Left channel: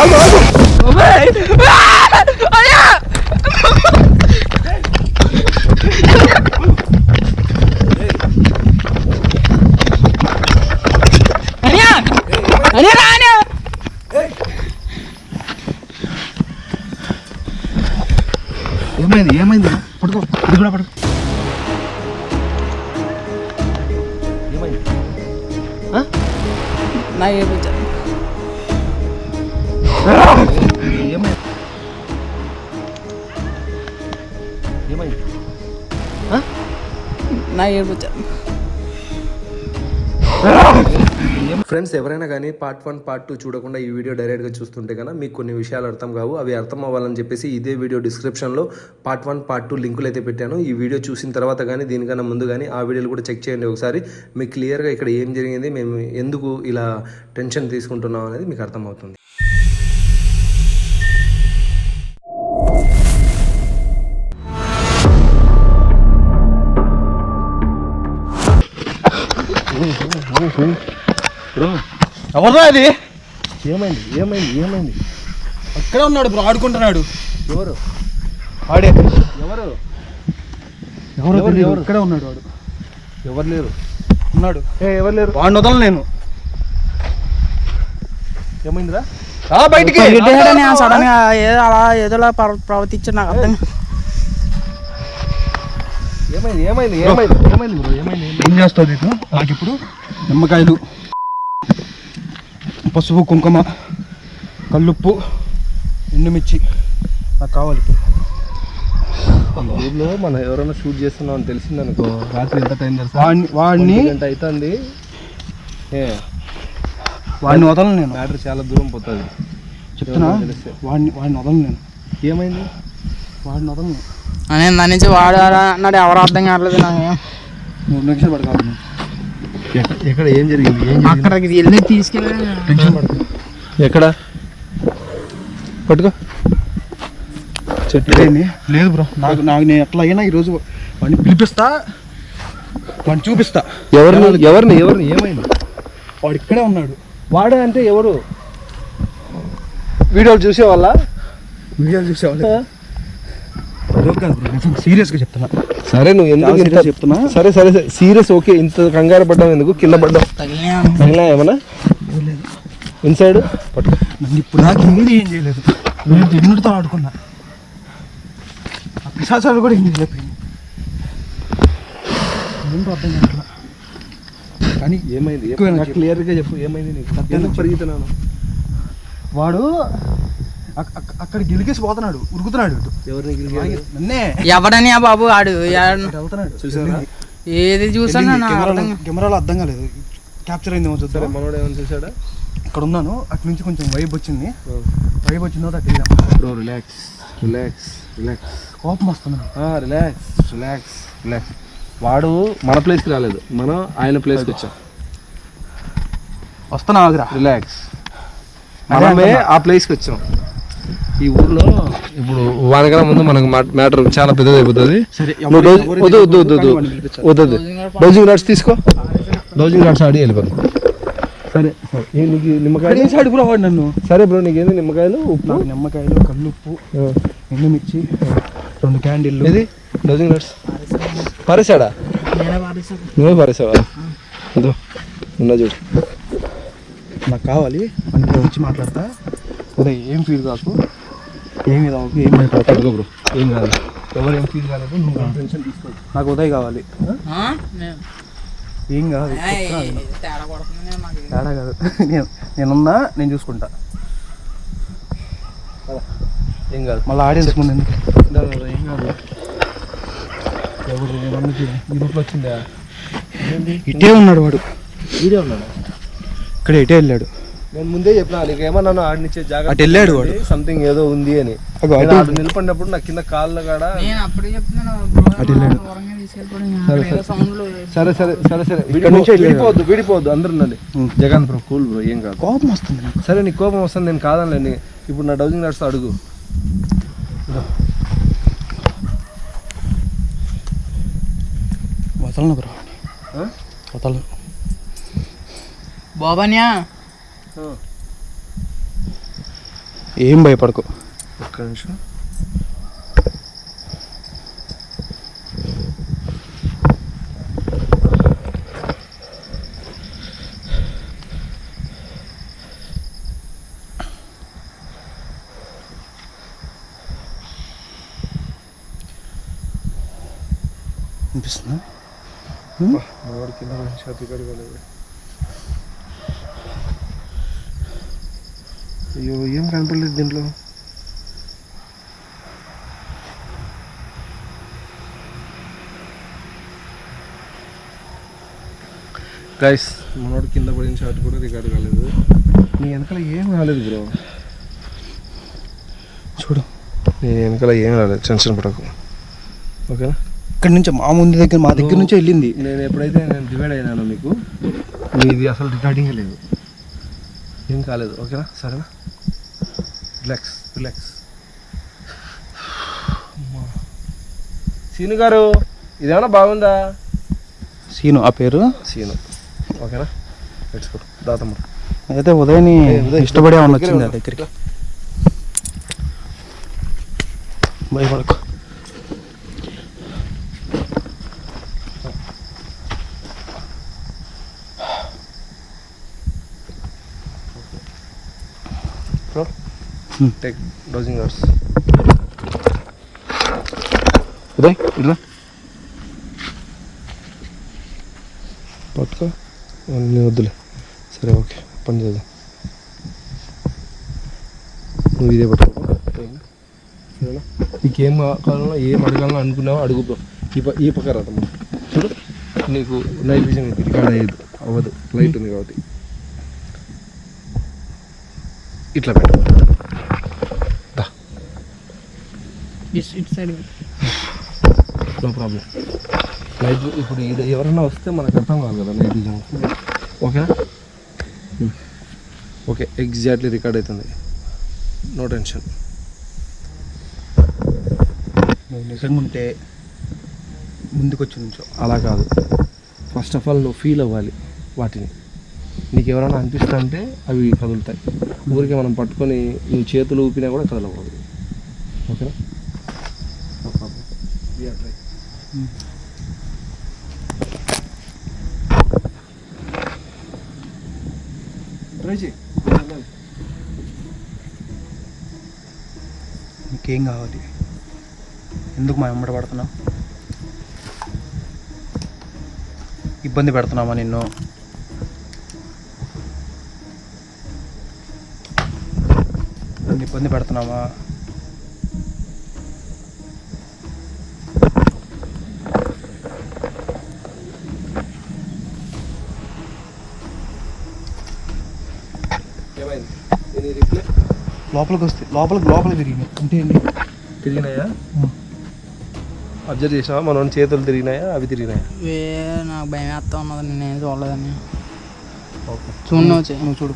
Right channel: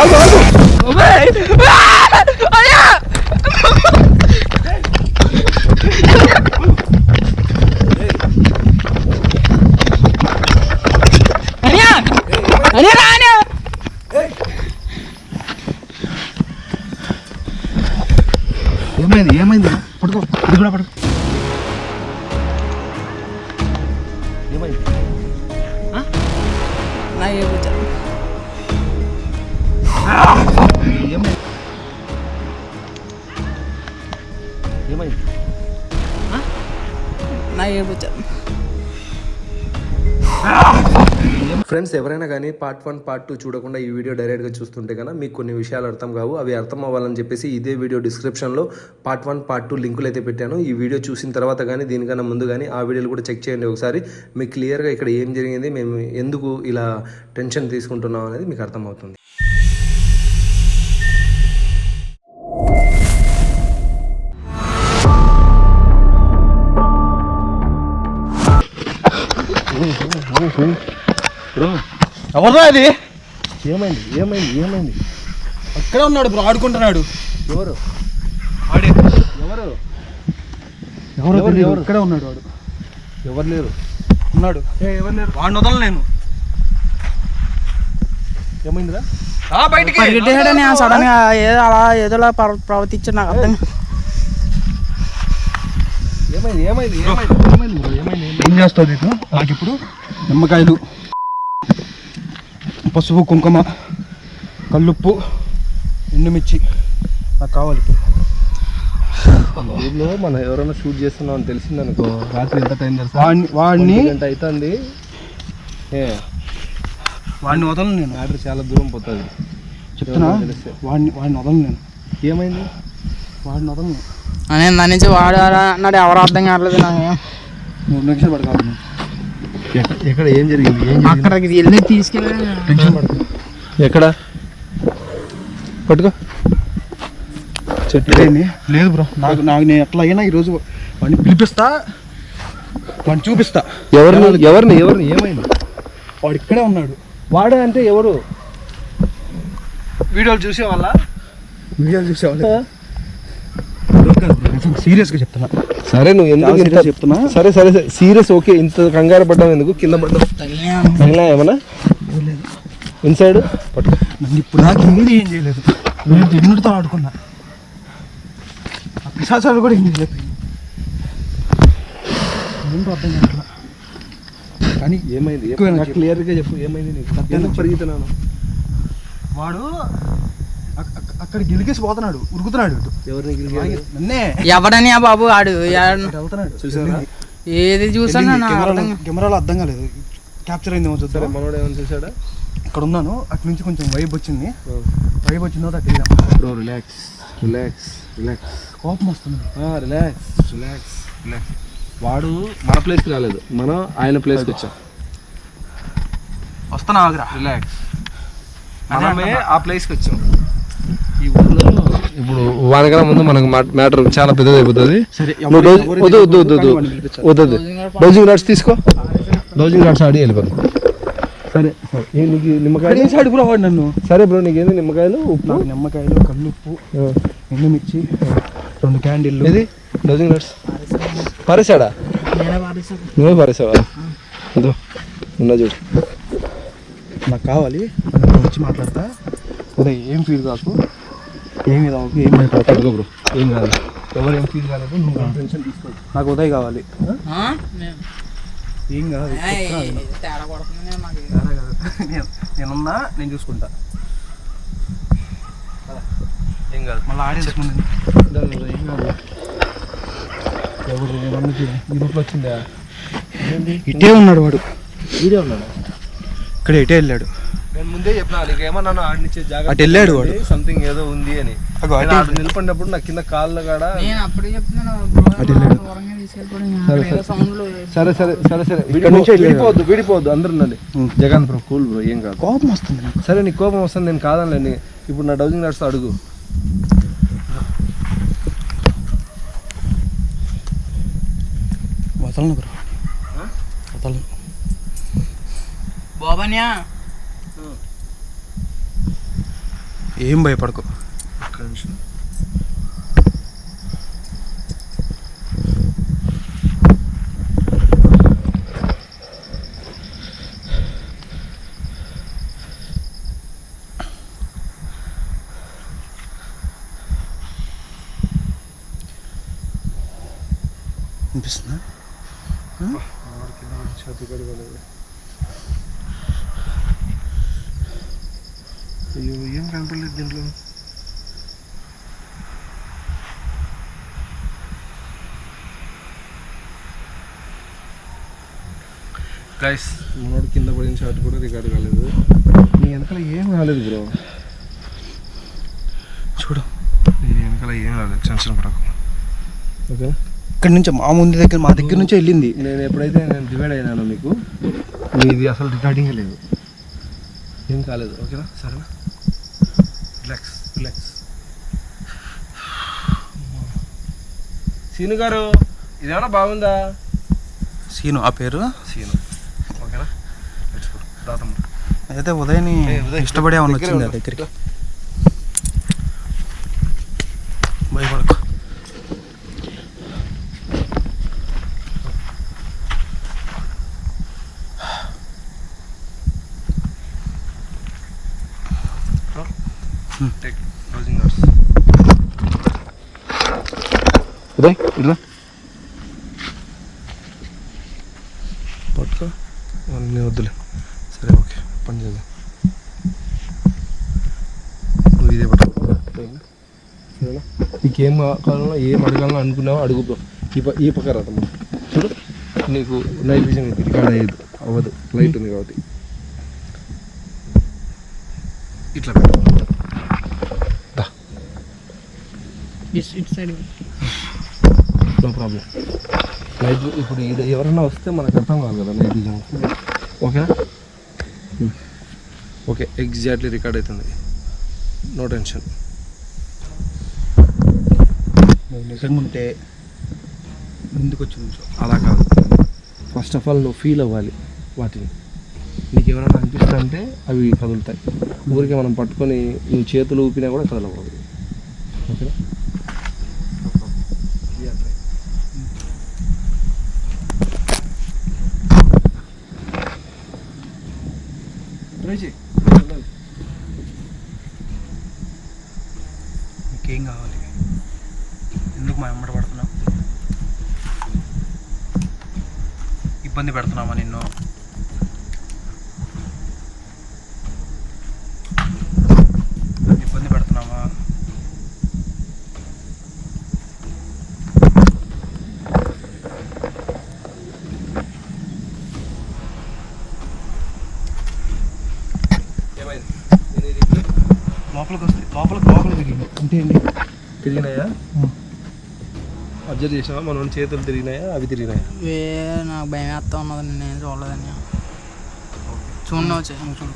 ఆగు ఆగు. ఏమైంది ఏమైంది? పడుకో ఇది కూడా పడుకో నా ఫ్రెండ్స్ ఎవరైనా కానీ పార్ట్ వన్ పార్ట్ టూ చూడకుండా ఈ వీడియో డైరెక్ట్గా చూస్తుంటే కన్నా మీకు కొన్ని విషయాలు అర్థం కావు అవి అర్థం అవ్వాలని చెప్పేసి ఇదే వీడియో డిస్క్రిప్షన్లో పార్ట్ వన్ పార్ట్ టూ లింకులు అయితే పెట్టాను. ఈ వీడియో చూసిన తర్వాత కానీ దీనికన్నా ముందు కానీ ఆ వీడియోలు కూడా చెక్ చేయండి ఒకసారి. మీకు క్లియర్గా ఇక్కడ ఏం జరిగింది మేము ఎందుకు ఇలా టెన్షన్ తీసుకుంటున్నాం అనేది మీకు అర్థమవుతుంది. ఎవరా అది ఏమైంది? ఏమైంది? ఏమైంది? అక్కడే ఉన్నాడు బ్రో ఆడుకుంటున్నాడు. ఎవరు? ఆడే. ఎవరు? ఎవరు ఎవరు? ఇక్కడే ఉన్నాడు వాడు. ఎవరు లేరు? ఉన్నాడు. ఏ ఎవరు లేరు? వాడిని వదలను నేను. ఏమైందిరా? బయటికి. సడన్గా ఏదో అలా ఏదోలా ప్రవ- ప్రవర్తించాడు నాకు అర్థం. ఏమైంది ఏమైంది ఏమైంది ఏమైంది బ్రో ఏమైంది ఏం చేస్తావు నీకు నాకు ఇప్పుడు నిమ్మకాయలు పసుపు కుంకుమ కల్లుప్పు ఎండుమిర్చి నాకు కావాలి ఊర్లో మనం ఎవరైనా షూట్ చేస్తున్నాం అని తెలిసిందనుకో రాత్రి ఎంత టైం తెలుసా? వాడిని వాడిని గంట అవుతుంది ఏ వాడిని వదలను నేను. మ్యాటర్ చాలా దూరం పోతుంది. చెప్తున్నా. వాడిని వాడిని వదలను నేను. ఏమైంది? వాడిని వదలను అని దాని నుంచి వాడు వాడు అన్నాడు. ఎవరు అర్థం కావట్లేదు నాకు. మూడు నిమిషాలు పడకాలి ఎక్కడ ఏం జరిగింది? ఏం అక్కడికి వెళ్ళి తీసుకెళ్ళి ఎక్కడ? పట్టుకో. చెట్లు? లేదు బ్రో. నాకు నాకు నేను ఎట్లా అయినా ఈరోజు వాడిని పిలిపిస్తా. వాడిని చూపిస్తా. ఎవరిని? ఎవరిని? ఎవరిని? ఏమైంది? వాడు ఇక్కడే ఉన్నాడు. వాడే అంటే ఎవరు? వీడియోలు చూసే వాళ్ళ వీడియోలు చూసేవాళ్ళు. సీరియస్గా చెప్తున్నా. సరే నువ్వు ఎందుకు ఇంత చెప్తున్నా? సరే సరే సీరియస్ ఓకే. ఇంత కంగారు పడ్డావు ఎందుకు? కింద పడ్డావు. తగిలినా? ఏమన్నా? ఇన్సైడ్ ఇప్పుడు దాకా ఏది ఏం చేయలేదు. నేను ఎన్నుడితో ఆడుకున్నా. పిశాచాలు కూడా ఏం చేయలేదు. ఏంటో అర్థం కావట్లా? కానీ ఏమైంది? నాకు క్లియర్గా చెప్పు. ఏమైంది నీకు? ఎందుకు పరిగెత్తున్నాను వాడు అక్కడ గెలికేసి పోతున్నాడు ఉరుకుతున్నాడు నన్నే. ఎవడని ఆ బాబు ఆడు? వెళ్తున్నాడు. ఏది చూసాను కెమెరాలో అర్థం కెమెరాలో అర్థం కాలేదు. క్యాప్చర్ సరే చూద్దాం. మనోడు ఏమైనా చూసాడా అక్కడ ఉన్నాను. అటు నుంచి కొంచెం వైబ్ వచ్చింది. వైబ్ వచ్చిన తర్వాత అటు రిలాక్స్. రిలాక్స్. రిలాక్స్. కోపం వస్తుంది రిలాక్స్. రిలాక్స్. రిలాక్స్. వాడు మన ప్లేస్కి రాలేదు. మనం ఆయన ప్లేస్కి వచ్చాం. వస్తున్నా ఆగురా. రిలాక్స్. మనమే. ఆ ప్లేస్కి వచ్చాం. ఈ ఊర్లో ఇప్పుడు వానకన్నా ముందు మనకు మ్యాటర్ చాలా పెద్దది అయిపోతుంది వద్దు వద్దు వద్దు వద్దు. వద్దు వద్దు. డోజింగ్ రాడ్స్ తీసుకో. డోజింగ్ రాడ్స్ ఆడి వెళ్ళిపోదు సరే నీకు ఇక్కడ నిమ్మకాయలు? వేసాడు కూడా వాడు నన్ను? సరే బ్రో నీకేంది నిమ్మకాయలు? ఉప్పు? నాకు నిమ్మకాయలు కల్లుప్పు ఎండుమిర్చి రెండు క్యాండిల్లు. ఏది? డోజింగ్ రాడ్స్ పారేసాడా నువ్వే పారేసావా అదో ఉన్నా చూడు. నాకు కావాలి అని ఇప్పుడు వచ్చి మాట్లాడతా. ఉదయ్ ఏం ఫీల్ కాకు? ఏమి ఏం బ్రో. ఏం కాదు. ఎవరు ఏం ఫీల్ కాలేదు నువ్వు టెన్షన్ తీసుకో నాకు ఉదయ్ కావాలి. ఏం కాదు తేడా కాదు. నేను నేనున్నా నేను చూసుకుంటా. ఏం కాదు. మళ్ళీ ఆడియన్స్ ముందు ఎందుకు? ఏం కాదు. ఎవరు ఏమన్నా. గ్రూప్లో వచ్చిందా? ఇటే ఉన్నాడు వాడు. వీడియో ఉన్నాడు? ఇక్కడ ఇటే వెళ్ళాడు. నేను ముందే చెప్పినా నీకేమన్నా ఆడినిచ్చే జాగ్రత్త అటు వెళ్ళాడు వాడు. సంథింగ్ ఏదో ఉంది అని అగో నేను అటు నిలబడినప్పుడు నా కింద కాళ్ళ కాడ నేను అప్పుడే చెప్తున్నాను బ్రో, అటు వెళ్ళాడు. దూరంగా తీసుకెళ్ళిపోయాడు. ఏదో సౌండ్లు సరే సరే సరే సరే ఇక్కడ నుంచి వెళ్ళాడు. విడిపోవద్దు విడిపోవద్దు అందరు ఉండండి ఉం. జగన్ బ్రో కూల్ బ్రో ఏం కాదు కోపం వస్తుంది నాకు సరే నీకు కోపం వస్తుంది నేను కాదనలేండి ఇప్పుడు నా డౌజింగ్ నడుస్తా అడుగు వదలను బ్రో ఆ? వదలను బాబాన్యా ఏం భయపడకు. ఒక్క నిమిషం. అనిపిస్తుందా కింద పడి ఛాతీ కడగలేదు అయ్యో ఏం కనపడలేదు దీంట్లో? గైస్ మనోడు కింద పడిన షాట్ కూడా రికార్డ్ కాలేదు. నీ వెనకాల ఏం రాలేదు బ్రో చూడు నీ వెనకాల ఏం రాలేదు టెన్షన్ పడకు. ఓకేనా ఇక్కడి నుంచి మా ముందు దగ్గర మా దగ్గర నుంచి వెళ్ళింది. నేను ఎప్పుడైతే నేను డివైడ్ అయినానో మీకు మీది అసలు రికార్డింగ్ లేదు. ఏం కాలేదు ఓకేనా సరేనా? రిలాక్స్ రిలాక్స్ సీను గారు ఇదేమన్నా బాగుందా? సీను ఆ పేరు? సీను. ఓకేనా? లెట్స్ గో అయితే ఉదయని ఇష్టపడే దగ్గరే వచ్చింది ఆ. దగ్గరికి. భయపడకు. టేక్ డోజింగ్ అవర్స్ ఉదయ్ ఇట్లా పట్టుకో అన్నీ వద్దులే సరే ఓకే పని చేద్దాం నువ్వు ఇదే పట్టుకో సరేనా? సరేనా నీకేం కావాలన్నా ఏం అడగాలన్నా అనుకున్నావో అడుగు బ్రో ఈ ప ఈ పక్క రాదమ్మ చూడు నీకు నైట్ విజన్ రికార్డ్ అయ్యేది అవ్వదు లైట్ ఉంది కాబట్టి ఇట్లా పెట్టు దా ఇటు సైడ్ నో ప్రాబ్లం నైట్ ఇప్పుడు ఎవరైనా వస్తే మనకు అర్థం కాదు కదా నైట్ విజన్ ఓకేనా ఓకే ఎగ్జాక్ట్లీ రికార్డ్ అవుతుంది నో టెన్షన్ నువ్వు నిజంగా ఉంటే ముందుకు వచ్చి నుంచో అలా కాదు. ఫస్ట్ ఆఫ్ ఆల్ నువ్వు ఫీల్ అవ్వాలి వాటిని. నీకు ఎవరైనా అనిపిస్తా అంటే అవి కదులుతాయి. ఊరికే మనం పట్టుకొని నువ్వు చేతులు ఊపినా కూడా కదలకూడదు. ఓకేనా? నీకేం కావాలి? ఎందుకు మా వెంబడి పడుతున్నావు? ఇబ్బంది పెడుతున్నామా నిన్ను? ఇబ్బంది పెడుతున్నామా ఏమైంది నేను రిప్లై లోపలికి వస్తే లోపలికి లోపలికి తిరిగి అంటే ఏంటి తిరిగినాయా? అబ్జర్వ్ చేసావా మనం చేతులు తిరిగినాయా? అవి తిరిగినాయా? వే నాకు భయం వేస్తా ఉన్నది. నేను చూడలేదని. ఓకే. చూడండి వచ్చి నువ్వు చూడు.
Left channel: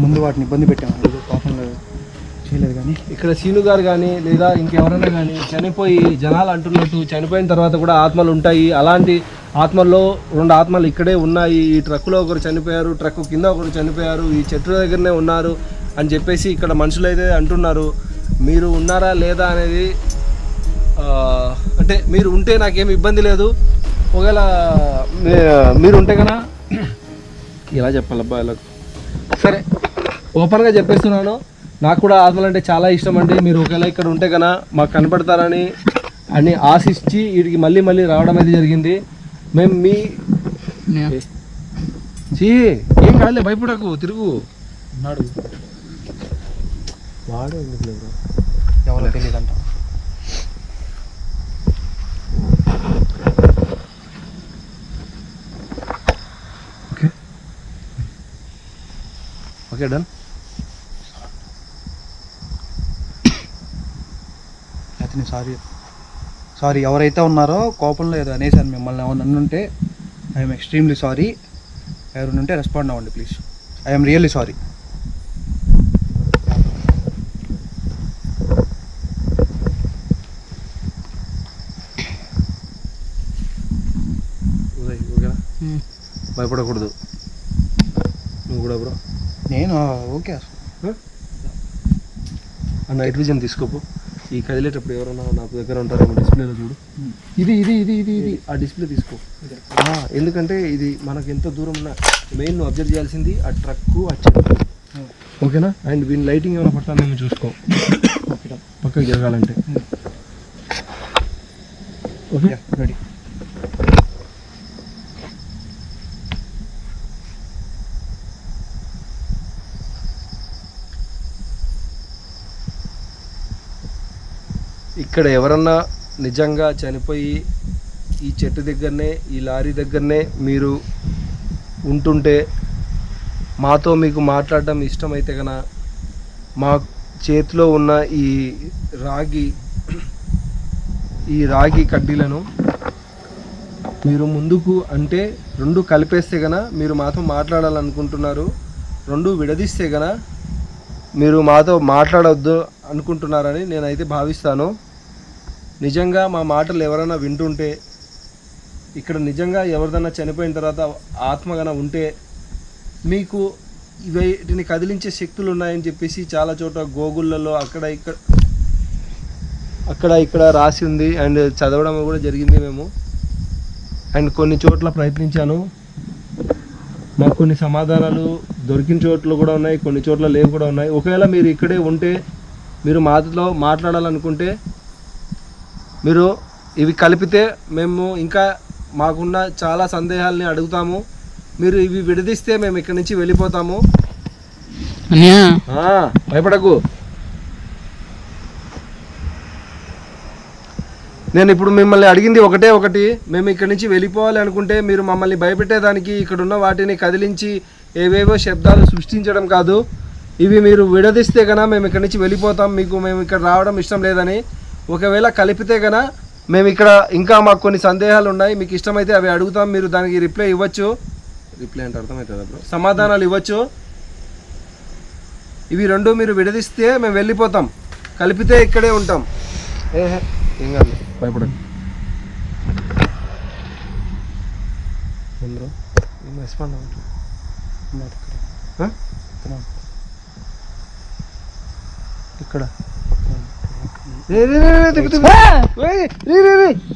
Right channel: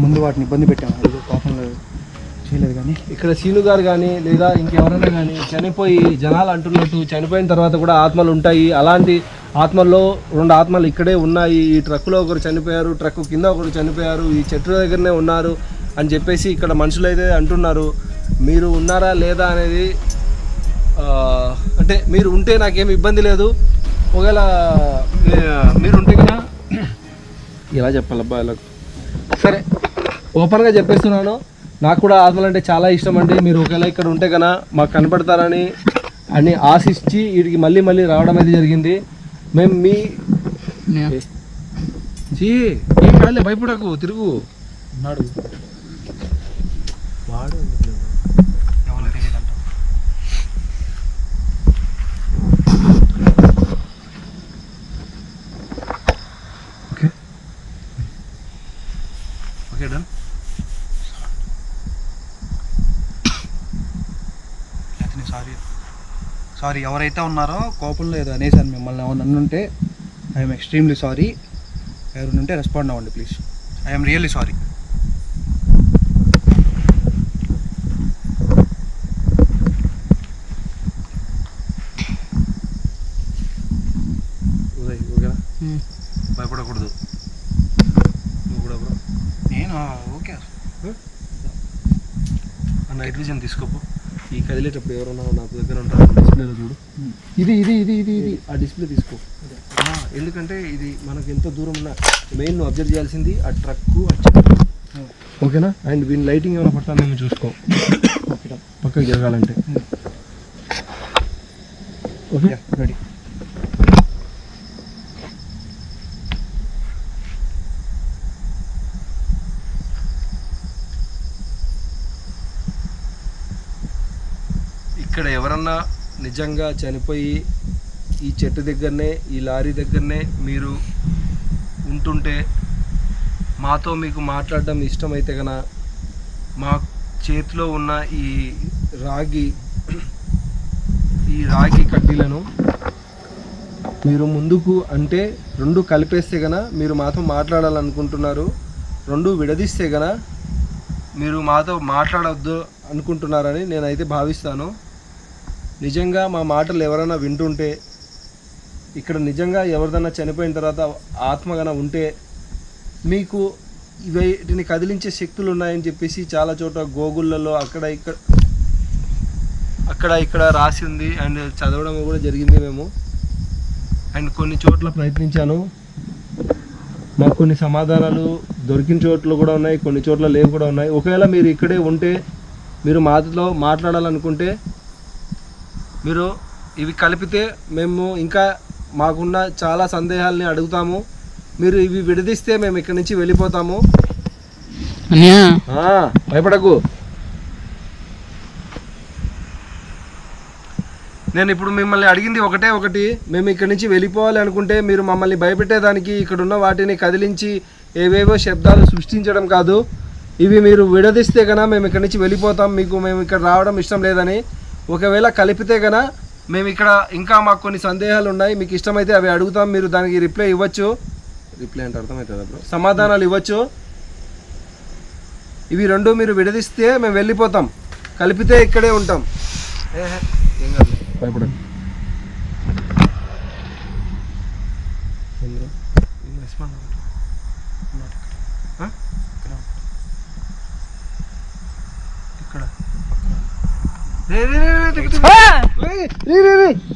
ముందు వాటిని ఇబ్బంది పెట్టాము ఏదో కోపంలో చేయలేదు కానీ. ఇక్కడ సీను గారు కానీ లేదా ఇంకెవరైనా కానీ చనిపోయి జనాలు అంటున్నట్టు చనిపోయిన తర్వాత కూడా ఆత్మలు ఉంటాయి. అలాంటి ఆత్మల్లో రెండు ఆత్మలు ఇక్కడే ఉన్నాయి. ఈ ట్రక్కులో ఒకరు చనిపోయారు ట్రక్ కింద ఒకరు చనిపోయారు ఈ చెట్టు దగ్గరనే ఉన్నారు అని చెప్పేసి ఇక్కడ మనుషులు అయితే అంటున్నారు. మీరు ఉన్నారా లేదా అనేది అంటే మీరు ఉంటే నాకేం ఇబ్బంది లేదు. ఒకవేళ మీరు ఉంటే కదా ఎలా చెప్పాలబ్బా ఇలా. సరే ఓపెన్గా చెప్పేస్తున్నాను. నాకు కూడా ఆత్మలు అంటే చాలా ఇష్టం అండి. మీరు ఒకవేళ ఇక్కడ ఉంటే కన్నా మాకు కనపడతారని అని ఆశించి వీడికి మళ్ళీ మళ్ళీ రావడం అయితే జరిగింది. మేము మీ చీ ఏం కాదులే భయపడకు తిరుగు. ఉన్నాడు. వాడు ఎందుకు లేదు ఎవరో తెలియదు అంట ఓకే. Okay done. అతని సారీ. సారీ ఎవరైతే ఉన్నారో కోపంలో ఏదో అనేసాను మిమ్మల్ని ఏమన్నా ఉంటే ఐఎమ్ ఎక్స్ట్రీమ్లీ సారీ ఎవరు ఉంటే రెస్పాండ్ అవ్వండి ప్లీజ్ ఐఎమ్ రియల్లీ సారీ భయపడకూడదు. నువ్వు కూడా బ్రో. నేను ఓకే. అసలు నైట్ విజన్ తీసుకోపో. ఈ కదిలేటప్పుడు ఎవరైనా నాకు దగ్గర ఉంటారో డిస్ప్లేలో చూడు. ఇది ఇది ఇది ఇది ఇది. ఆ డిస్ప్లే తీసుకో. ఎందుకంటే ఇది మనకు ఎంత దూరం ఉన్న మెయిన్ నువ్వు అబ్జర్వ్ చేయాల్సింది ఆ ట్రక్ ఆ చెట్టు. ఓకేనా? అండ్ వీని లైటింగ్ ఏమైనా పడతానేమో చూసుకో. పక్కకి జరగాలంటే. ఓకే? రెడీ ఇక్కడ ఎవరన్నా నిజంగా చనిపోయి ఈ చెట్టు దగ్గరనే ఈ లారీ దగ్గరనే మీరు ఉంటుంటే మాతో మీకు మాట్లాడడం ఇష్టమైతే కన మా చేతిలో ఉన్న ఈ రాగి ఈ రాగి కడ్డీలను మీరు ముందుకు అంటే రెండు కలిపేస్తే గన మీరు మాతో మాట్లాడాలనుకుంటున్నారు రెండు విడదీస్తే గన మీరు మాతో మాట్లాడవద్దు అనుకుంటున్నారని నేనైతే భావిస్తాను. నిజంగా మా మాటలు ఎవరైనా వింటుంటే ఇక్కడ నిజంగా ఎవరిదన్నా చనిపోయిన తర్వాత ఆత్మగన ఉంటే మీకు వీటిని కదిలించే శక్తులు ఉన్నాయని చెప్పేసి చాలా చోట గోగుళ్ళలో అక్కడ ఇక్కడ అక్కడ ఇక్కడ రాసి ఉంది. అండ్ చదవడం కూడా జరిగింది మేము. అండ్ కొన్ని చోట్ల ప్రయత్నించాను. మాకు కొన్ని సమాధానాలు దొరికిన చోట్ల కూడా ఉన్నాయి కొన్ని చోట్ల లేవు కూడా ఉన్నాయి. ఒకవేళ మీరు ఇక్కడే ఉంటే మీరు మాతో మాట్లాడాలనుకుంటే మీరు ఇవి కలిపితే మేము ఇంకా మాకున్న చాలా సందేహాలని అడుగుతాము. మీరు ఇవి విడదీస్తే మేము ఇక్కడి నుంచి వెళ్ళిపోతాము. భయపడకు. నేను ఇప్పుడు మిమ్మల్ని అడిగింది ఒకటే ఒకటి. మేము ఇక్కడి నుంచి వెళ్ళిపోవాలి అనుకుంటే మీరు మమ్మల్ని భయపెట్టేదానికి ఇక్కడ ఉన్న వాటిని కదిలించి ఏవేవో శబ్దాలు సృష్టించడం కాదు. ఇవి మీరు విడదీస్తే కనుక మేము ఇక్కడి నుంచి వెళ్ళిపోతాం. మీకు మేము ఇక్కడ రావడం ఇష్టం లేదని ఒకవేళ కలిపితే కనుక మేము ఇక్కడ ఇంకా మాకు కొన్ని సందేహాలు ఉన్నాయి. మీకు ఇష్టమైతే అవి అడుగుతాం. మీరు దానికి రిప్లై ఇవ్వచ్చు. రిప్లై అంటే అర్థమవుతుందా బ్రో? సమాధానాలు ఇవ్వచ్చు. ఇవి రెండు మీరు విడదీస్తే మేము వెళ్ళిపోతాం. కలిపితే ఇక్కడే ఉంటాం. ఏహే ఏం కాదు. భయపడండి ఏం రెస్పాండ్ అవ్వట్లేదు. ఇక్కడ. రే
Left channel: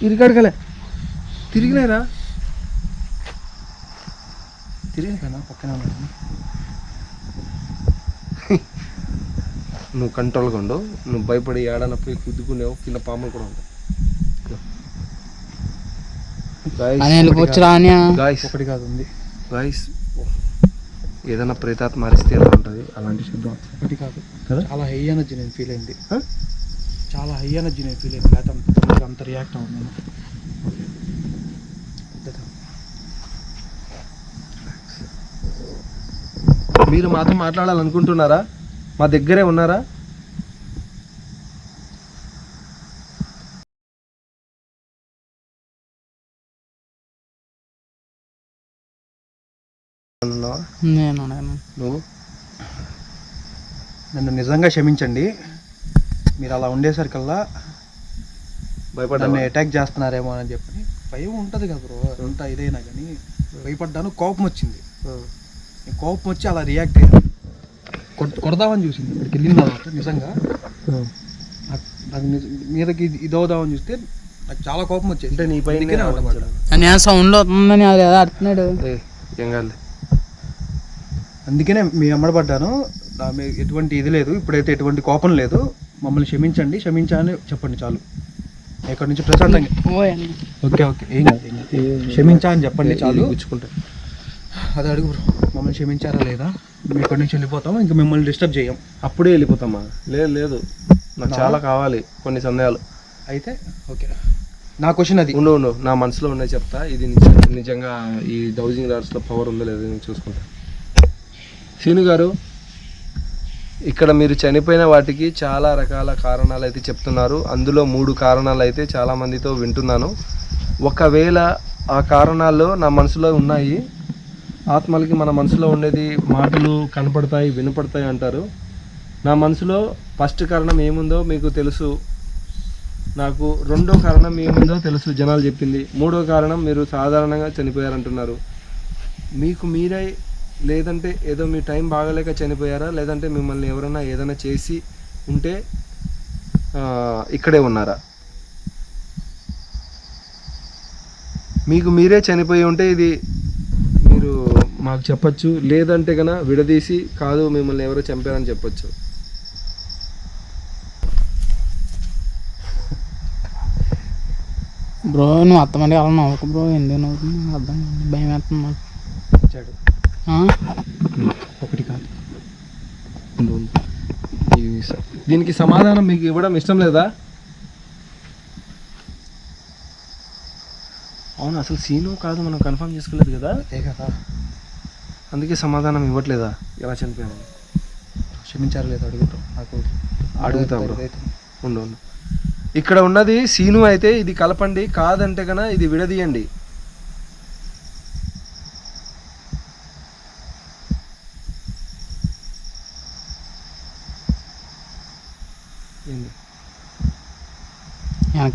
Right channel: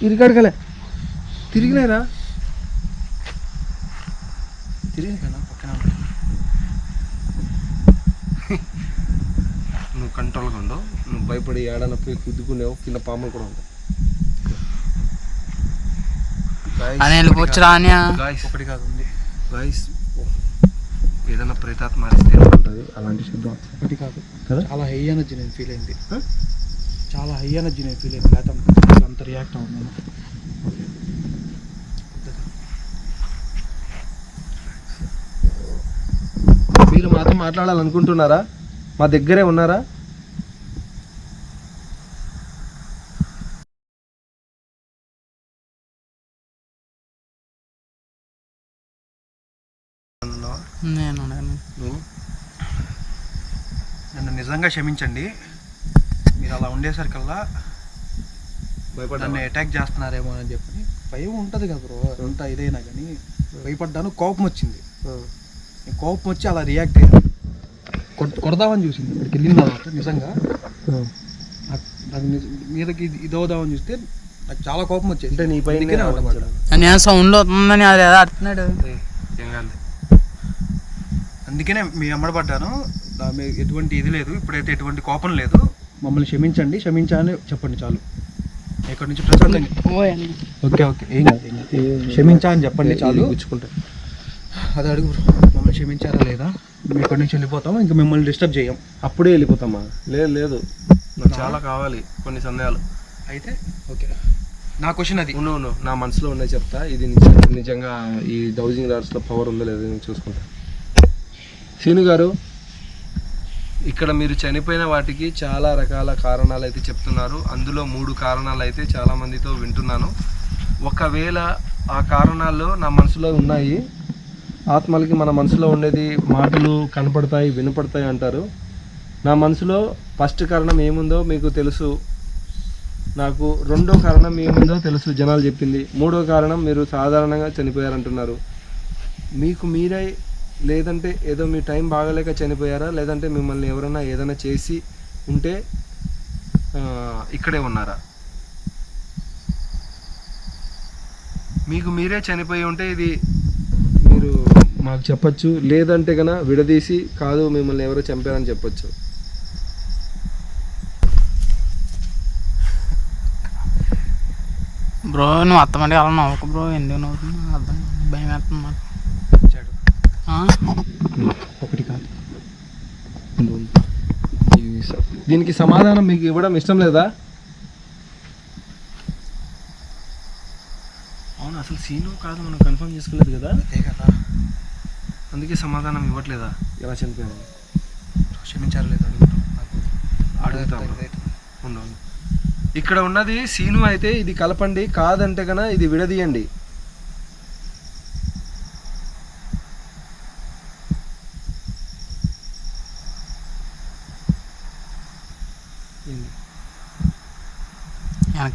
ఇరికాడకలే తిరిగినారా తిరిగినా పక్కన ఉన్నాడు నువ్వు కంట్రోల్గా ఉండు. నువ్వు భయపడి ఏడన పోయి కుద్దుకునేవు కింద పాములు కూడా ఉంటాయి. ఒకటి కాదు. ఉంది. గాయస్ ఏదైనా ప్రేతాత్మ మారిస్తే ఎలా ఉంటుంది? అలాంటి శబ్దం ఒకటి కాదు. కదా? చాలా హై ఎనర్జీ నేను ఫీల్ అయింది? చాలా హై ఎనర్జీ నేను ఫీల్ అయింది లేకపోతే అంత రియాక్ట్ అవును మీరు మాతో మాట్లాడాలనుకుంటున్నారా? మా దగ్గరే ఉన్నారా? నేను నువ్వు? నన్ను నిజంగా క్షమించండి. మీరు అలా ఉండేసరికల్లా భయపడ్డా నన్ను అటాక్ చేస్తున్నారేమో అని చెప్పని భయం ఉంటుంది కదా బ్రో అంతా ఇదైనా కానీ భయపడ్డాను కోపం వచ్చింది. నేను కోపం వచ్చి అలా రియాక్ట్ అయ్యాను కొడదామని చూసింది. ఇక్కడికి వెళ్ళిన తర్వాత నిజంగా నాకు మీదకి ఇది ఇదవుదామని చూస్తే నాకు చాలా కోపం వచ్చింది అంటే నీ పైన సౌండ్ అవుతుందని అది ఏదో అంటున్నాడు. ఏం కాదు అందుకనే మీ అమ్మడబడ్డాను ఎటువంటి ఇది లేదు. ఇప్పుడైతే ఎటువంటి కోపం లేదు. మమ్మల్ని క్షమించండి క్షమించాలని చెప్పండి చాలు. ఇక్కడి నుంచి? ప్రశాంతంగా. Okay okay. ఏం కాదు. క్షమించా అని చెప్పండి చాలు. గుచ్చుకుంటా. అది అడుగు మమ్మల్ని క్షమించారా లేదా? మేము ఇక్కడి నుంచి వెళ్ళిపోతాం ఇంకా మిమ్మల్ని డిస్టర్బ్ చేయం. అప్పుడే వెళ్ళిపోతామా? లేదు లేదు. నాకు చాలా కావాలి కొన్ని సందేహాలు. అయితే ఓకే. నా క్వశ్చన్ అది. ఉండు ఉండు. నా మనసులో ఉన్నాయి చెప్తా. ఇది నిజ- నిజంగా ఈ డౌజింగ్ రాడ్స్లో పవర్ ఉందో లేదో నేను చూసుకుంటా. సీను గారు ఇక్కడ మీరు చనిపోయిన వాటికి చాలా రకాల కారణాలు అయితే చెప్తున్నారు. అందులో మూడు కారణాలు అయితే చాలామందితో వింటున్నాను. ఒకవేళ ఆ కారణాల్లో నా మనసులో ఉన్నాయి ఆత్మలకి మన మనసులో ఉండేది మాటలు కనపడతాయి వినపడతాయి అంటారు. నా మనసులో ఫస్ట్ కారణం ఏముందో మీకు తెలుసు. నాకు రెండో కారణం ఏముందో తెలుసు జనాలు చెప్పింది. మూడో కారణం మీరు సాధారణంగా చనిపోయారంటున్నారు. మీకు మీరే లేదంటే ఏదో మీ టైం బాగలేక చనిపోయారా? లేదంటే మిమ్మల్ని ఎవరైనా ఏదైనా చేసి ఉంటే ఇక్కడే ఉన్నారా? మీకు మీరే చనిపోయి ఉంటే ఇది మీరు మాకు చెప్పచ్చు. లేదంటే కన విడదీసి కాదు మిమ్మల్ని ఎవరో చంపారని చెప్పచ్చు. బ్రో నువ్వు అత్తమంటే అలా నవ్వకు బ్రో. ఎందుకు నవ్వుతుంది అర్థం కాదు. భయం వేస్తుంది ఒకటి కాదు. దీనికి సమాధానం మీకు ఇవ్వడం ఇష్టం లేదా? అవును అసలు సీను కాదు మనం కన్ఫర్మ్ చేసుకోలేదు కదా? అదే కదా. అందుకే సమాధానం ఇవ్వట్లేదా? ఎలా చనిపోయాను క్షమించారు లేదు అడుగుతాం. నాకు అడుగుతా ఉండు ఇక్కడ ఉన్నది సీను అయితే ఇది కలపండి కాదంటే కన ఇది విడదీయండి.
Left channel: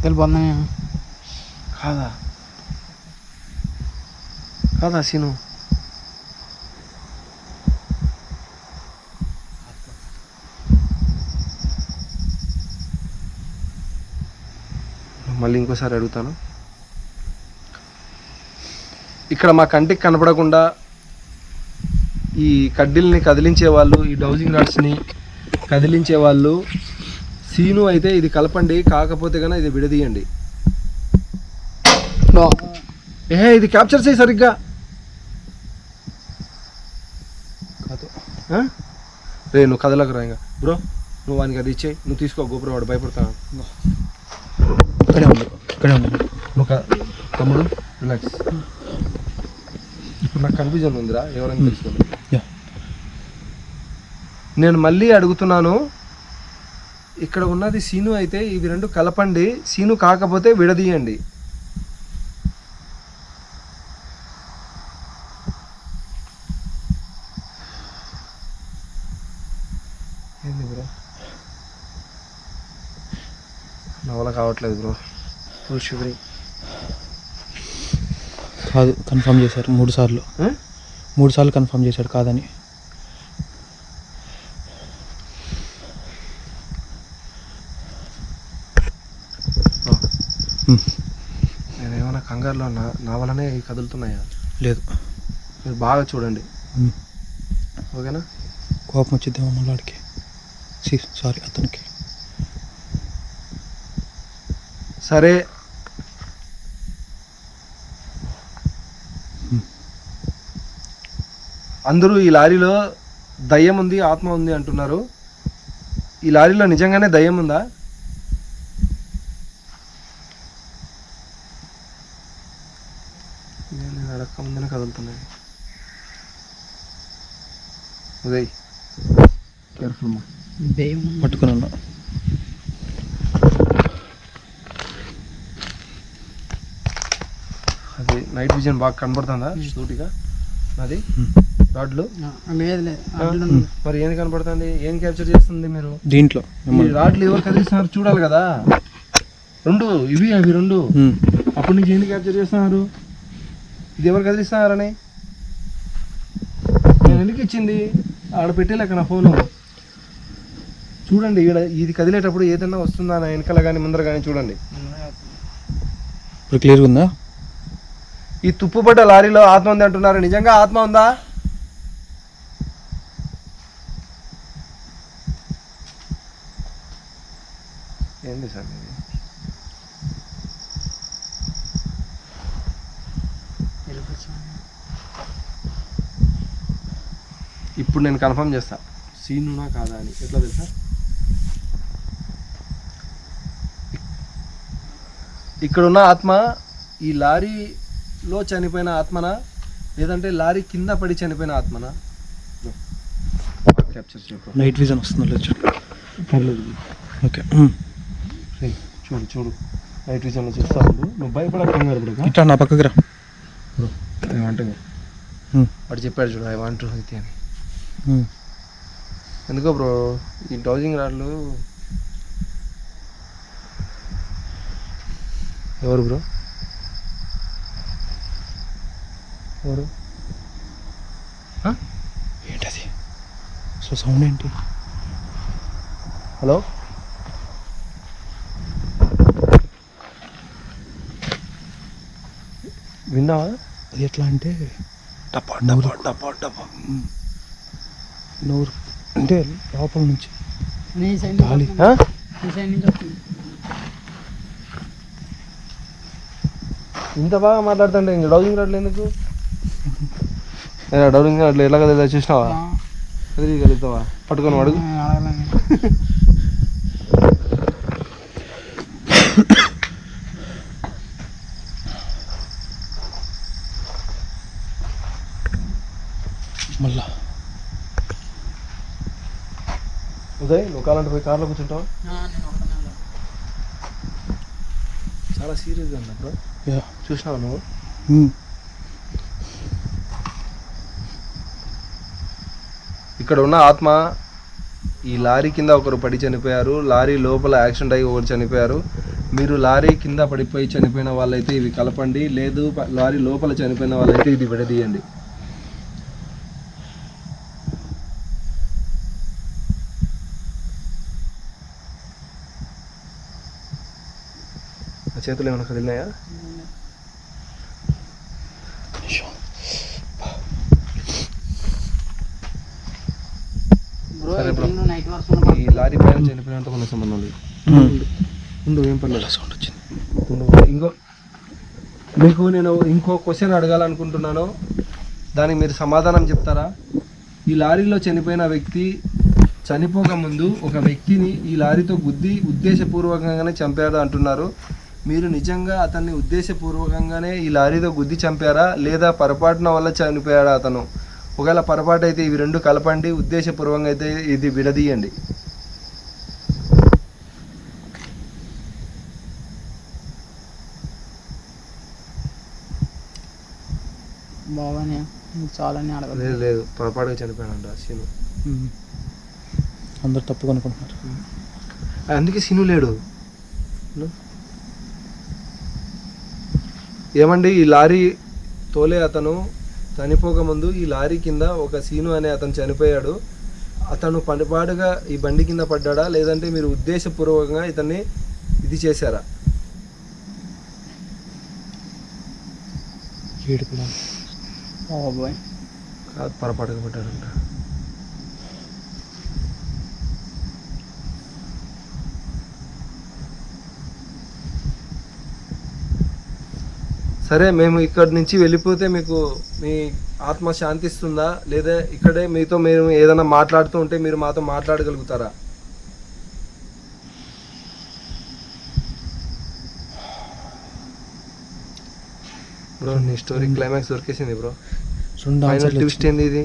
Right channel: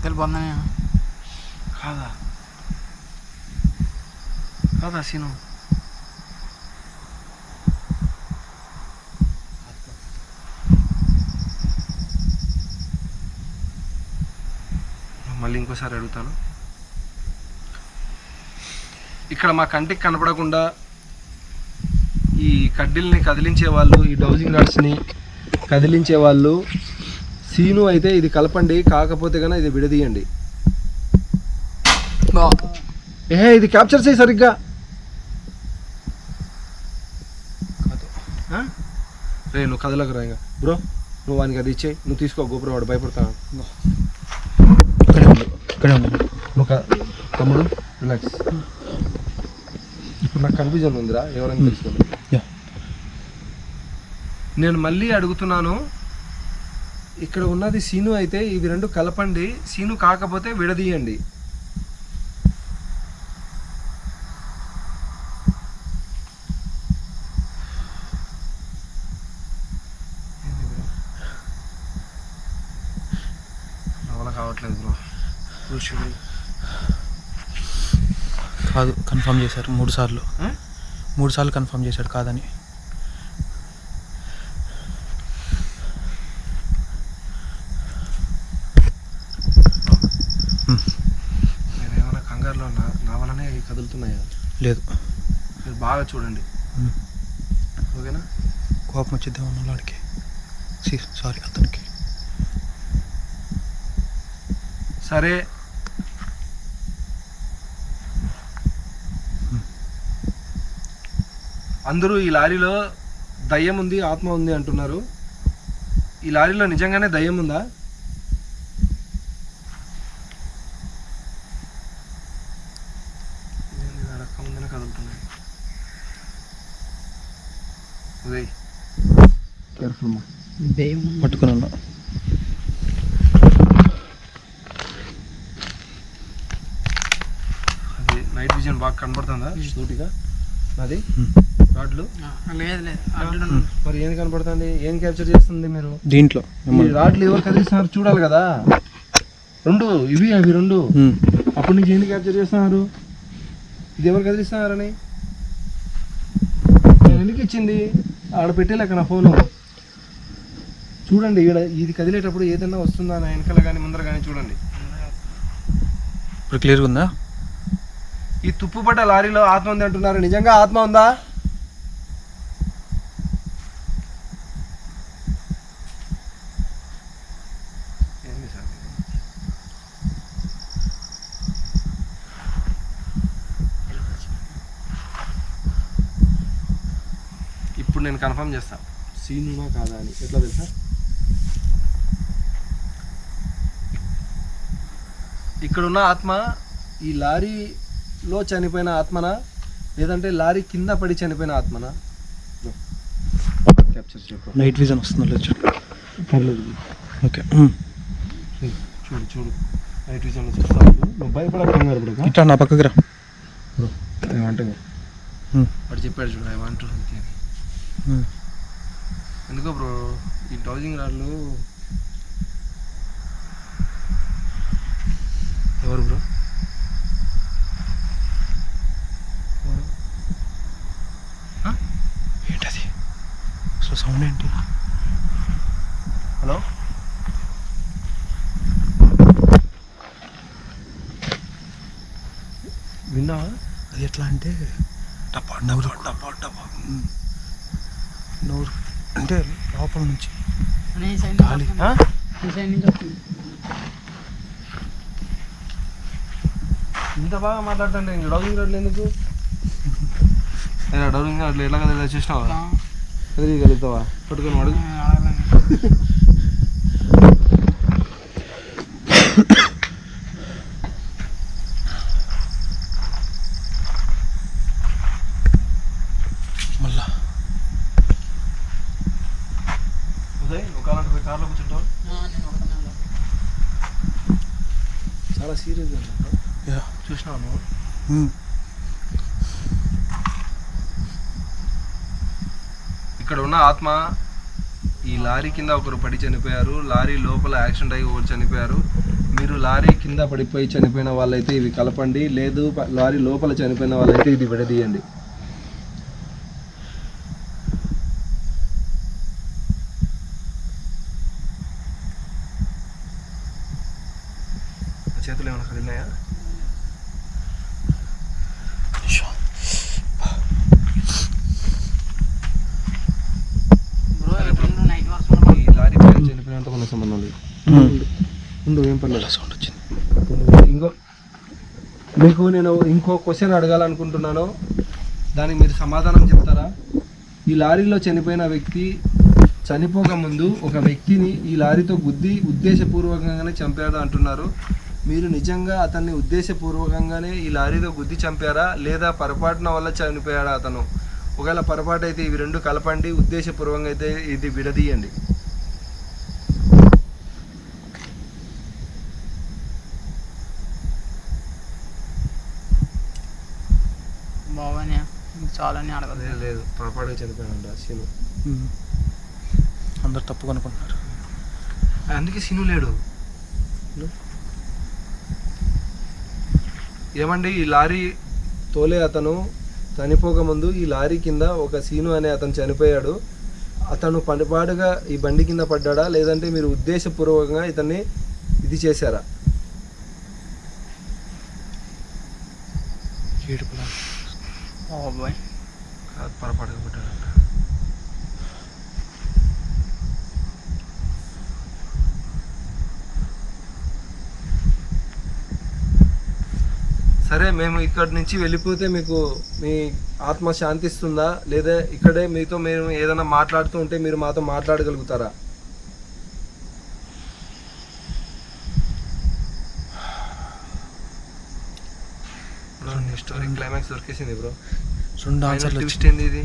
వెళ్ళిపోతున్నా నేను కాదా కాదా సీను మళ్ళీ ఇంకోసారి అడుగుతాను. ఇక్కడ మా కంటికి కనపడకుండా ఈ కడ్డీల్ని కదిలించే వాళ్ళు ఈ డౌజింగ్ రాడ్స్ని కదిలించే వాళ్ళు సీను అయితే ఇది కలపండి కాకపోతే కనుక ఇది విడదీయండి. ఏ ఇది క్యాప్చర్ చేయి సరిగ్గా. కాదు? రే నువ్వు కదలకు రా ఇంకా. బ్రో నువ్వు వానికి అది ఇచ్చేయి. నువ్వు తీసుకో గోపురం వాడు భయపడతాను ఇక్కడే ఉండు ఇక్కడే ఉండు. నువ్వు తమ్ముడు రిలాక్స్ ఇప్పుడు నాకు కన్ఫ్యూజన్ ఉందిరా ఎవరైనా తెలుసుకోండి. నేను మళ్ళీ అడుగుతున్నాను ఇక్కడ ఉన్నది సీను అయితే ఇవి రెండు కలపండి. సీను కాకపోతే విడదీయండి. ఏంది బ్రో? నా వల్ల కావట్లేదు బ్రో. షుగర్ కాదు కన్ఫర్మ్ చేశారు మూడు సార్లు. మూడు సార్లు కన్ఫర్మ్ చేశాడు కాదని హ్మ్. నేను ఏమైనా కంగారులో నా నా వల్లనే ఇవి కదులుతున్నాయా? లేదు. మీరు బాగా చూడండి. ఓకేనా? కోపం వచ్చిద్దామా మళ్ళీ వాడికి సారీ అతనికి. సరే. అందరూ ఈ లారీలో దయ్యం ఉంది ఆత్మ ఉంది అంటున్నారు. ఈ లారీలో నిజంగానే దయ్యం ఉందా? నేను అడక్క ముందునే కదులుతున్నాయి ఉదయ్. కేర్ఫుల్ మా దెయ్యం పట్టుకుని ఉన్నా అది నైట్ విజన్ బాగా కనబడుతుందా? సూటిగా? నాది హ్మ్. రాడ్లు ఆ, లేదు లేదు. ఉంది. మరి ఏం కనబడుతుంది? ఏం క్యాప్చర్ చేస్తుంది మీరు? దీంట్లో రాడ్లు ఎవరు కదిలిస్తున్నారు చూడాలి కదా. రెండు ఇవి అవి రెండు. అప్పటి నుంచి ఏంది క్యాప్చర్ చేస్తున్నారు? ఇది ఎవరు కదిలిస్తున్నారని? నేను ఎందుకు ఇచ్చింది? ఆడ పెట్టేలేక నా ఫోను? చూడండి ఈడ ఇది కదిలేటప్పుడు ఏదైనా వస్తుందా నా వెనకాల కానీ ముందర కానీ చూడండి. ఇప్పుడు క్లియర్గా ఉందా? ఈ తుప్పుపడ్డ లారీలో ఆత్మ ఉంది అంటున్నారు. నిజంగా ఆత్మ ఉందా? ఏంది సార్ ఇది? ఇప్పుడు నేను కన్ఫర్మ్ చేస్తా. సీనునా కాదా అని. ఎట్లా తెలుసా? ఇక్కడున్న ఆత్మ ఈ లారీలో చనిపోయిన ఆత్మనా? లేదంటే లారీ కింద పడి చనిపోయిన ఆత్మనా? క్యాప్చర్ చెప్పు నైట్ విజన్ వస్తుందో లేదు చూడు. ఓకే. చూడు చూడు. నైట్ విజన్లో చూస్తా ఉండు. నువ్వు భయపడక కంగారు పడక ఇట్లా నా పక్కకి రా. I want. వాడు చెప్పాడు చూడు ఐ వాంట్ అని. ఎందుకో బ్రో ఈ డౌజింగ్ రాళ్ళు ఎవరు బ్రో? ఎవరు? ఏంటది? సో సౌండ్ ఏంటి? హలో? విన్నావా? అది ఎట్లా అంటే డబ్బా డబ్బా డబ్బా డబ్బా నోరు అంటే లోపల నుంచి గాలి. ఇంత బాగా మాట్లాడుతుంటే ఇంక డౌలింగ్ రావట్లేదు ఎందుకు? డౌలింగ్ రావట్లేదు ఎలాగ తెలియదు చూసినావా? ఎదురుగలుగుతావా పట్టుకొని అడుగు. మళ్ళా. ఉదయ్ నువ్వు కాలంటే పోయి కార్లో కూర్చుంటావా. చాలా సీరియస్గా ఉన్నా బ్రో. యా. చూసినావా నువ్వు. ఇక్కడ ఉన్న ఆత్మ ఈ లారీ కింద ఒకరు పడి చనిపోయారు లారీ లోపల యాక్సిడెంట్ అయ్యి ఒకరు చనిపోయారు. మీరు లారీ కింద పడిపోయి చనిపోయిన వాళ్ళైతే ఇవి కలపండి లేదు లారీ లోపల చనిపోయిన వాళ్ళైతే ఇది విడదీయండి. చేతులు ఏమైనా కదిలినాయా? ఈ లారీ పైన చనిపోయినంత కొన్ని సంబంధం లేదు. ఉండు. ఏం పర్లేదు. సౌండ్ వచ్చింది. ఇంకో మీకు నేను ఇంకో క్వశ్చన్ అడగాలనుకుంటున్నాను. దానికి మీరు సమాధానం చెప్తారా? ఈ లారీలో చనిపోయిన వ్యక్తి చనిపోక ముందు ఒక వ్యక్తిని ఈ లారీతో గుద్ది ఉద్దేశపూర్వకంగానే చంపాడు అంటున్నారు. మీరు నిజంగా అతన్ని ఉద్దేశపూర్వకంగానే ఈ లారీతో గుద్ది చంపారా? లేదా పొరపాటున వల్ల చనిపోయాడా అతను? ఒకవేళ పొరపాటు అయితే ఇవి రెండు కలపండి ఉద్దేశపూర్వకంగా అయితే ఇది విడదీయండి. చాలని అడగదు లేదు లేదు పొరపాటుగా చనిపోయాడు సీను. అందరు తప్పుగా అనుకుంటున్నారు అందుకే సీను లేడు. ఏమండి ఈ లారీ తోలే అతను చనిపోక ముందు ఈ లారీ కింద ఒక సీను అనే అతను చనిపోయాడు. అతను పనిపాటుగా ఈ బండి కింద పడ్డాడా లేదంటే మీరు ఉద్దేశపూర్వకంగా ఇతన్ని ఇది చేశారా? ఏడుపులా? పొరపాటుగా పడ్డాడంట. సరే మేము ఇక్కడి నుంచి వెళ్ళిపోతే మీకు మీ ఆత్మ శాంతిస్తుందా? లేదా ఇక్కడే మీతో మేము ఏదైనా మాట్లాడుతూ ఉంటే మీరు మాతో మాట్లాడగలుగుతారా? బ్రో నీ స్టోరీ క్లైమాక్స్ దొరికేసింది బ్రో. రెండు ఆన్సర్లు ట్విస్ట్ ఏంది ఇది?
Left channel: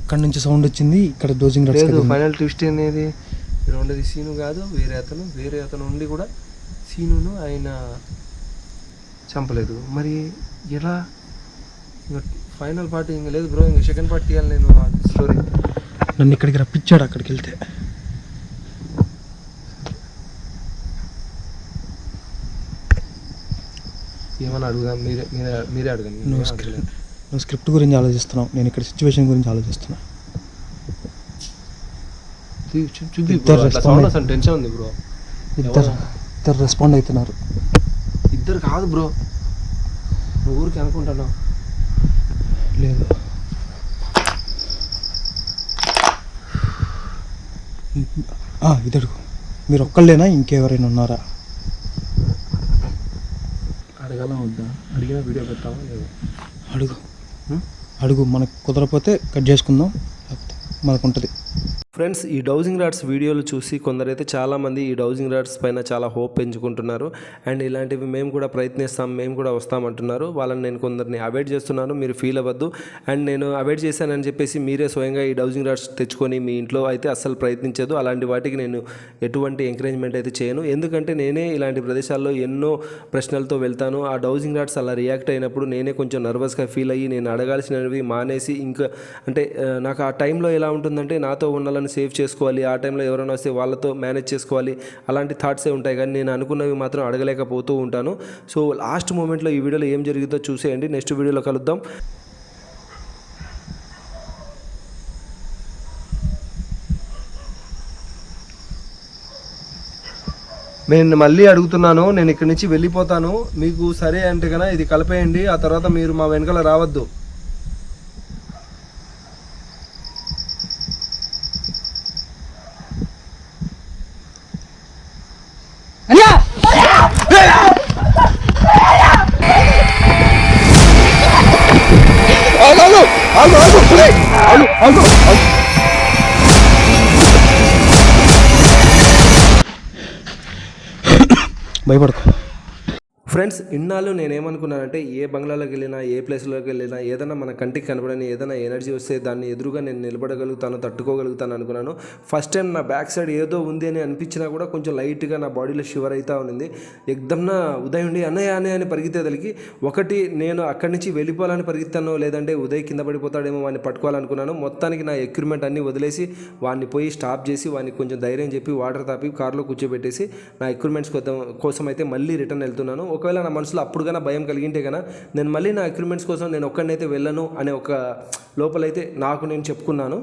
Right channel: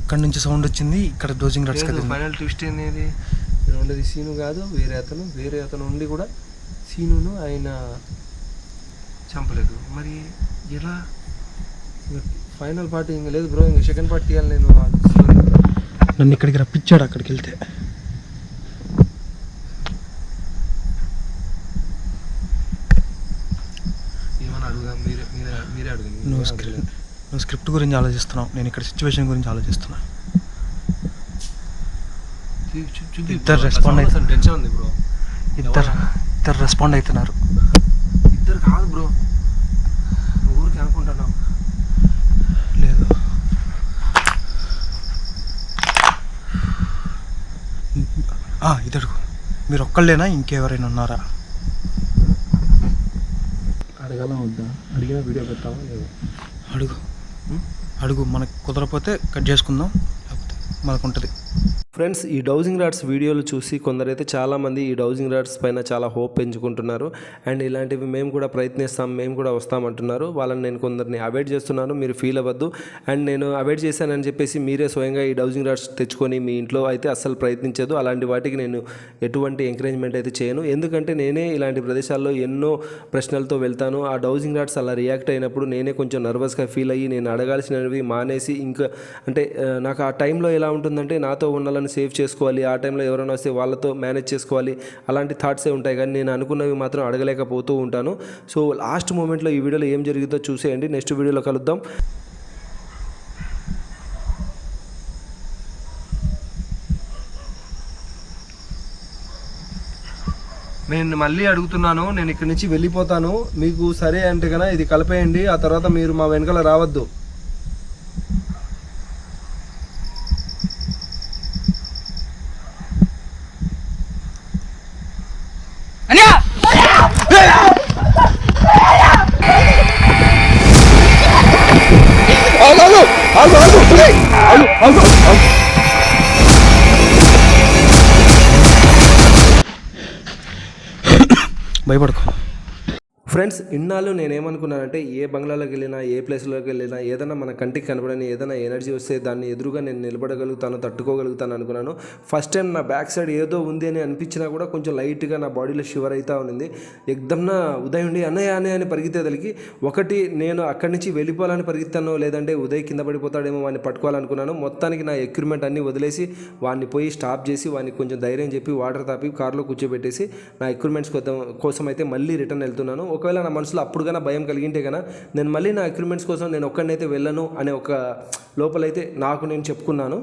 అక్కడి నుంచి సౌండ్ వచ్చింది ఇక్కడ డోజింగ్ లేదు ఫైనల్ ట్విస్ట్ అనేది ఇక్కడ ఉండేది సీను కాదు వేరే అతను వేరే అతను ఉండి కూడా సీనును ఆయన చంపలేదు. మరి ఎలా? ఇంకా ఫైనల్ పార్ట్ ఇంకా లేదు బ్రో ఇంకా సెకండ్ పార్ట్ తీయాలి నేను ఆ స్టోరీ నన్ను ఇక్కడికి రప్పించాడు అక్కడికి వెళ్తే ఏమని అడుగుదా? మీరే మీరే మీరే అడగండి. నువ్వు స్క్రిప్ట్. నువ్వు స్క్రిప్ట్ గురించి ఆలోచిస్తున్నావు. నేను ఇక్కడ సిచ్యువేషన్ గురించి ఆలోచిస్తున్నా. ఇద్దరు వస్తుంది, టెన్షన్ ఉంది బ్రో ఇద్దరు ఇద్దరు రెస్పాండ్ అవుతున్నారు. ఇద్దరు కాదు బ్రో. నువ్వు ఊరికి అనుకుంటున్నావు. లేదు. ఆ, ఇది అడుగు మీరు ఒక్కళ్ళేనా ఇంకెవరైనా ఉన్నారా? అడగాల వద్దా? అడిగిన వీడియో పెట్టావా లేదు? అడుగు? అడుగు. మనకు కుదరకపోతే కట్ చేసుకుందాం. లేకపోతే మనకు ఉంటుంది ఫ్రెండ్స్ ఈ డౌజింగ్ రాడ్స్ వీడియోలు చూసి కొందరైతే చాలామంది ఈ డౌజింగ్ రాడ్స్ పైన చాలా హోప్ పెంచుకుంటున్నారు. అండ్ ఇలాంటివి మేము కూడా ప్రయత్నిస్తాం మేము కూడా వస్తామంటున్నారు వాళ్ళని నేను కొందరిని అవాయిడ్ చేస్తున్నాను మీరు ఫీల్ అవ్వద్దు. అండ్ నేను అవాయిడ్ చేశానని చెప్పేసి మీరే స్వయంగా ఈ డౌజింగ్ రాడ్స్ తెచ్చుకొని మీ ఇంట్లో అయితే అస్సలు ప్రయత్నించదు. అలాంటి వాటికి నేను ఎటువంటి ఎంకరేజ్మెంట్ అయితే చేయను. ఎందుకంటే నేనే ఇలాంటి ప్రదేశాల్లో ఎన్నో ప్రశ్నలతో వెళ్తాను. ఆ డౌజింగ్ రాడ్స్ అలా రియాక్ట్ అయినప్పుడు నేనే కొంచెం నర్వస్గా ఫీల్ అయ్యి నేను అడగాల్సినవి మానేసి ఇంకా అంటే నాకు ఆ టైంలో ఎలా ఉంటుందంటే నాతో ఉన్న వాళ్ళని సేవ్ చేసుకోవాలి. ఆ టైంలో ఎవరైనా వస్తే వాళ్ళతో మేనేజ్ చేసుకోవాలి. అలాంటి థాట్సే ఉంటాయి. కానీ నేను అనుకున్నవి మాత్రం అడగలేకపోతూ ఉంటాను. సో లాస్ట్ మూమెంట్లో ఈ వీడియోలో ఏం జరిగిందో చూసేయండి. నెక్స్ట్ వీడియోలో కలుద్దాం. నేను మళ్ళీ అడుగుతున్నాను. నేను ఇక్కడి నుంచి వెళ్ళిపోతాను. మీకు సరే అంటే కనుక ఇది కలిపేయండి. ఆ తర్వాత మీరు మా వెనకాల రావద్దు. ఇన్నాళ్ళు నేనేమనుకున్నానంటే ఏ బంగ్లాలోకి వెళ్ళినా ఏ ప్లేస్లోకి వెళ్ళినా ఏదైనా మన కంటికి కనబడని ఏదైనా ఎనర్జీ వస్తే దాన్ని ఎదురుగా నేను నిలబడగలుగుతాను తట్టుకోగలుగుతాను అనుకున్నాను. ఫస్ట్ టైం నా బ్యాక్ సైడ్ ఏదో ఉంది అని అనిపించినా కూడా కొంచెం లైట్గా నా బాడీలో షివర్ అవుతా ఉంది ఎగ్దమ్న ఉదయం ఉండి అన్నయ్య అన్నయ్య అని పరిగెత్తేదలికి ఒకటి నేను అక్కడి నుంచి వెళ్ళిపోవాలని పరిగెత్తానో లేదంటే ఉదయ్ కింద పడిపోతాడేమో వాడిని పట్టుకోవాలనుకున్నాను. మొత్తానికి నా ఎక్విప్మెంట్ అన్నీ వదిలేసి వాడిని పోయి స్టాప్ చేసి వాడిని కొంచెం ధైర్యం చెప్పి వాటర్ తాపి కార్లో కూర్చోబెట్టేసి నా ఎక్విప్మెంట్స్ కోసం అయితే మళ్ళీ రిటర్న్ వెళ్తున్నాను. ఒకవేళ నా మనసులో అప్పుడు కన్నా భయం కలిగింటే కన్నా నేను మళ్ళీ నా ఎక్విప్మెంట్స్ కోసం నేను ఒక్కడినైతే వెళ్ళను అనే ఒక లోపలైతే నాకు నేను చెప్పుకున్నాను.